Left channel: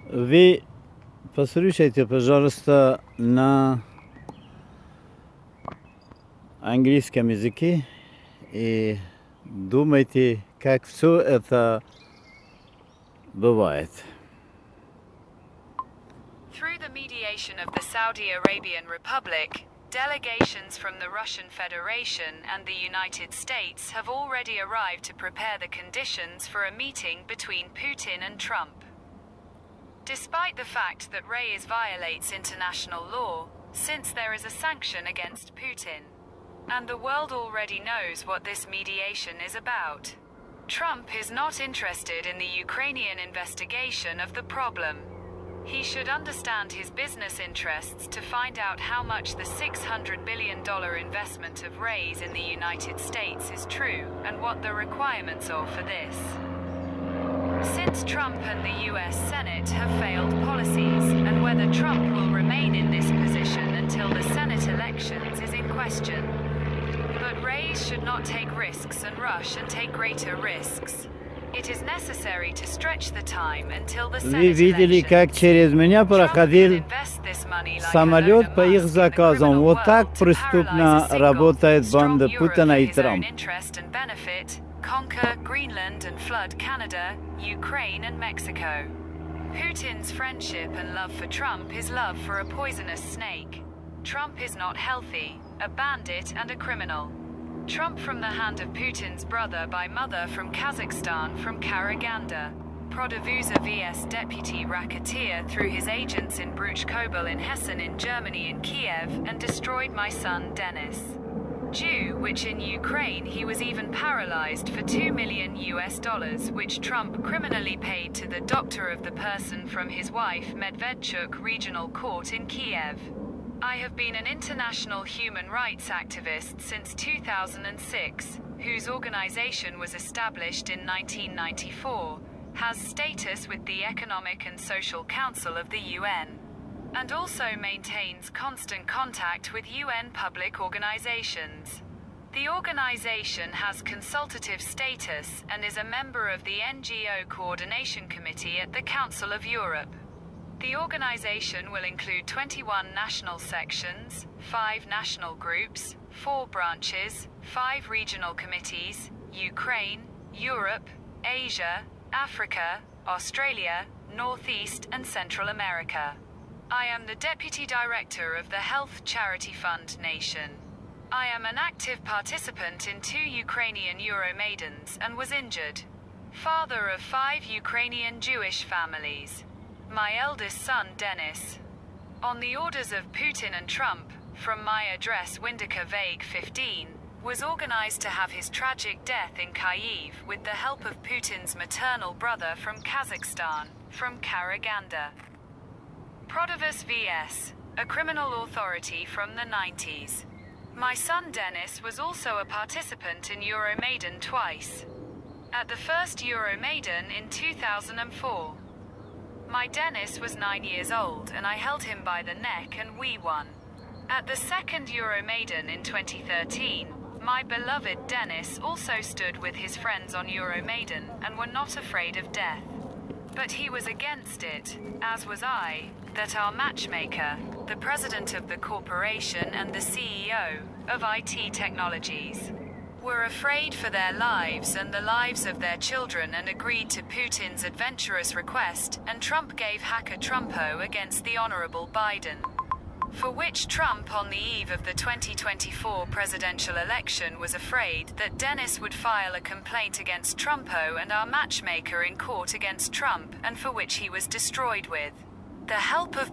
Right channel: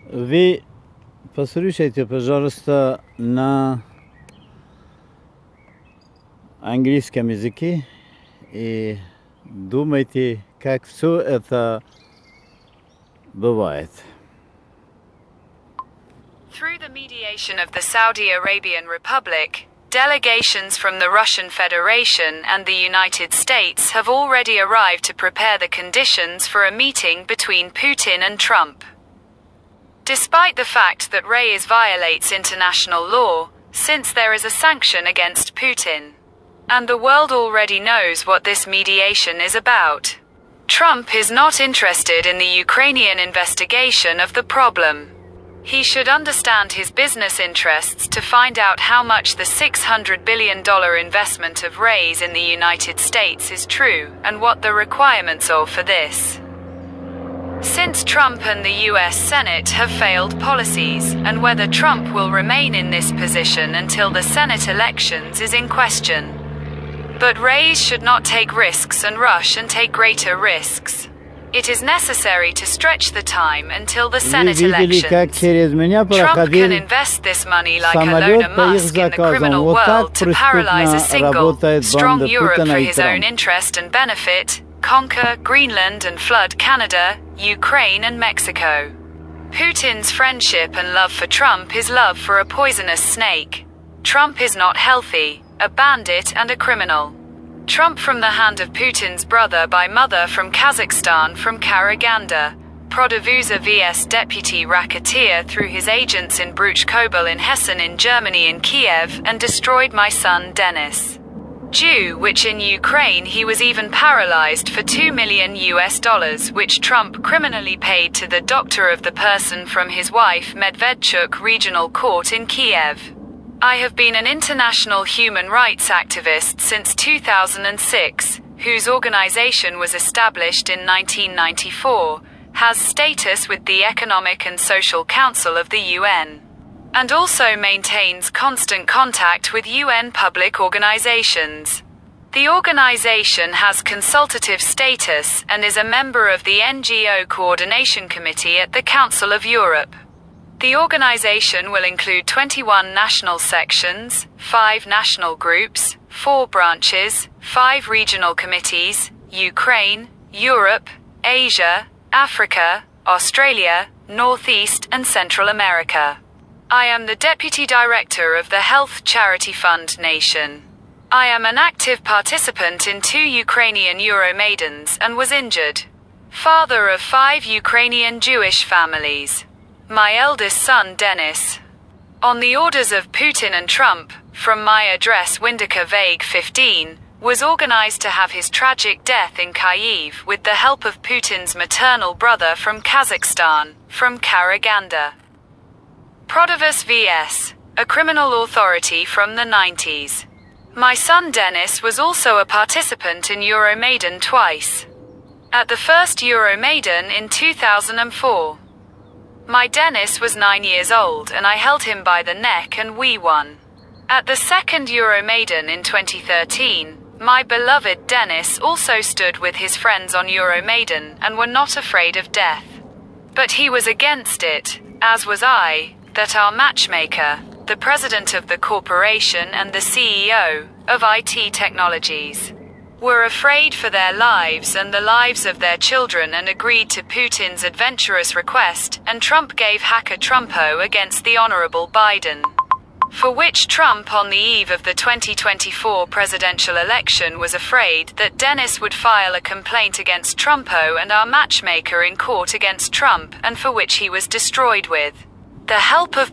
Ви послушайте, пожалуйста, на английском языке и думайте, как все это бывает. Through the mediation of the Saudi Arabian Republic, delegations from the Russian Federation and the United States have already arrived to prepare the conditions for a meeting between Putin and Trump. Despite the fact that Reyes violates international law, since there is a sanction against Putin, and the world already knows what this mediation is about. Trump is not interested in the Ukrainian investigation of the problem. He should understand his business interests to find out how much the $600 billion investment of Reyes in the United States is true, and what the requirements are for this. Since Trump and the US Senate have failed policies, and whether Trump will remain in this position until the Senate elections is in question. But Reyes should not take risks and rush and take greater risks. It is necessary to stretch the time until the Вы Senate видели, как elections. через меня Trump can проходил invest this money like самолет Elon по их Musk in the заказам. criminal Вот так world to paralyze a преступно single, работает strong банда Europe Путина for и his own Трампа. interest and benefit, conquer Greenland and flood Canada, Ukraine and Mexico. Putin's friendship and love for Trump is love for a poisonous snake. Trump is not healthy, a bandit and a criminal. Trump from the hand of Putin's brother by mother from Kazakhstan from Karaganda. Produvuza vs deputy racketeer through his agents in Bruch Kobel in Hessen in Germany and Kiev and destroyed my son Denis. Jew, which in Ukraine he was even paralyzed for $2 million which Trump criminally paid to the doctor of the person from his wife Medvedchuk Regional Court in Kiev. I have been an international human rights activist since 2006, whose organization was established in 1994, has status with the Economic and Social Council of the UN, and also maintains constant contact with UN public organizations. The organization has consultative status and is a member of the NGO Coordination Committee at the Council of Europe. The organization will include 21 national sections, 5 national groups, 4 branches, 5 regional committees, Ukraine, Europe, Asia, Africa, Australia, Northeast and Central America. I am the Deputy Director of the Health Charity Fund Nation. I am an active participant in 2 Ukrainian Euromaidans and was injured. Father of 5 Ukrainian Jewish families. My eldest son Denis. On the orders of Putin and Trump, from my address Windica Vague 15, was organized to have his tragic death in Kyiv with the help of Putin's maternal brother from Kazakhstan, from Karaganda. Prodavus vs. a criminal authority from the 90s. My son Denis was also a participant in Euromaidan twice. At the first Euromaidan in 2004. My Denis was 9 years old and I held him by the neck and we won. At the second Euromaidan in 2013, my beloved Denis also stood with his friends on Euromaidan and were not afraid of death. But he was against it, as was I, that our matchmaker, the president of the corporation and the CEO of IT Technologies, were afraid for their lives and the lives of their children and agreed to Putin's adventurous request, and Trump gave hacker Trumpo against the Honorable Biden. For which Trump on the eve of the 2024 presidential election was afraid that Denis would file a complaint against Trumpo and our matchmaker in court against Trump, and for which he was destroyed with the help of